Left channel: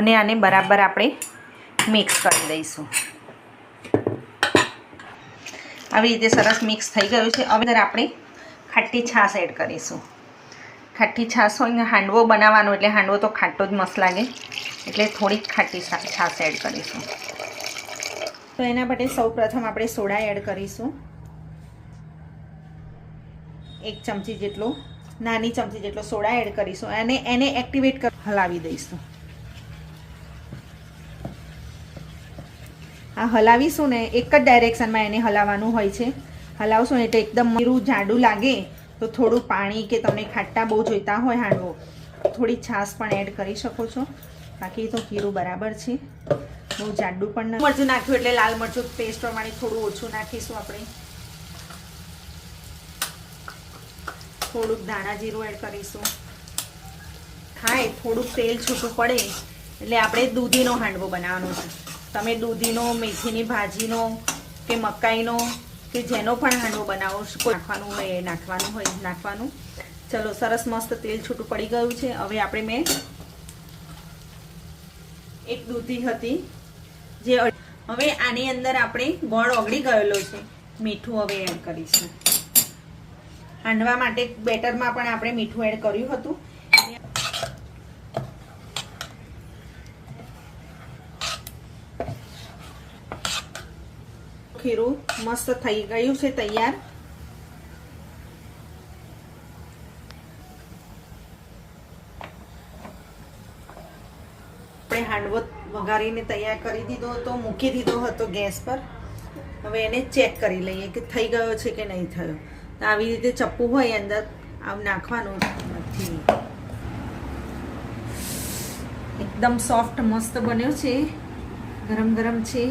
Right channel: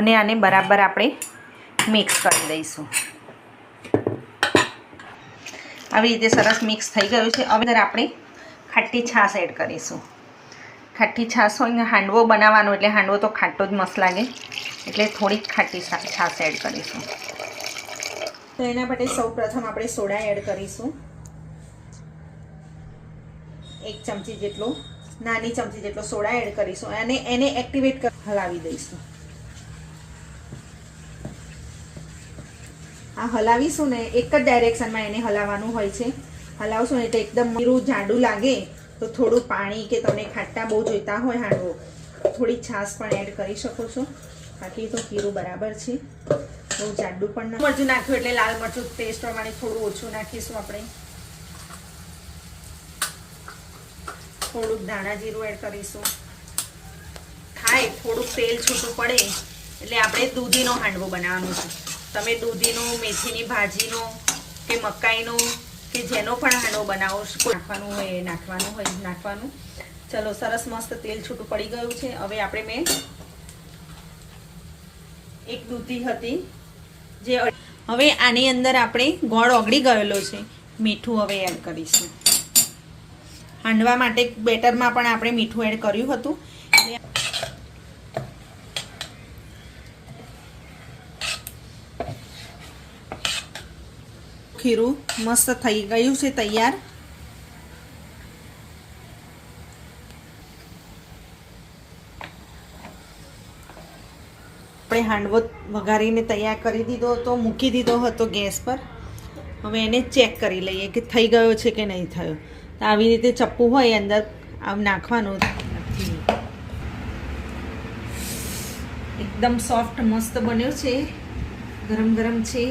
અને આને બરાબર આપણે મિક્સ કરી દઈશું. આવી રીતે સરસ મિક્સ થઈ ગયું છે. હવે આપણે ખાટી છાશ એડ કરીશું. ખાટી છાશ હોય ને હાંડવો બનાવવાનો એટલે હાંડવો તો ખાટો જ મસ્ત લાગે, એટલે થોડીક ખાટી છાશ એડ કરીશું. તો એના માટે સૌ પ્રથમ આપણે સોડા એડ કરીશું. 1 ચમચી જેટલો, નાની ચમચી જેટલો સોડા એડ કરીશું અને એને એક્ટિવેટ કરી હલાવી દઈશું. આ હલાવીશું ને એક જ ડાયરેક્શનમાં એને હલાવવાનું હોય છે. હલાવશું એટલે એકદમ મીરું જાડું લાગે તો થોડું પાણી કે તમે ખાટા બહુ જોઈતા હોય હાંડવો, થોડી છાશ પણ એડ કરી શકો છો. બાકી તો ખીરું બરાબર છે, બહુ જાડું પણ ના. મરચું નાખ્યું એટલે લાલ મરચું પેસ્ટ પ્રમાણે થોડું ઓછું નાખીશું આપણે. થોડુંક ધાણા જીરું એડ કરીશું. થાય થોડુંક તેલ છૂટું પડે એટલે આપણે દૂધીનો હાંડવો બનાવવાનો છે. તમે દૂધીનો, મેથીની ભાજીનો કે મકાઈનો કે જેનો પણ હાંડવો બનાવો નાખવાનું હોય નાખવાનું. ચલો સરસ મસ્ત તેલ છૂટું પડી ગયું છે. હવે આપણે મેં એક દૂધી હતી જે, હવે આની અંદર આપણે ગોળ ઓગળી ગયેલો છે, મીઠું હવે એડ કરીશું. હાંડવા માટે બેટરમાં પણ આપણે મીઠું એડ કર્યું હતું. ખીરું મસ્ત થઈ ગયું છે તૈયાર. આપણે હાંડવો વઘારીને તૈયાર કરી દીધો હતો, મૂકી દીધો હતો ગેસ પર. હવે એને ચેક કરી લઈએ કે થઈ ગયો છે કે નહીં થયો. તો આવી રીતે ચપ્પુ હોય અંદર આમ નાખવાનું નથી. એકદમ સોફ્ટ મસ્ત બન્યો છે, ગરમ ગરમ છે.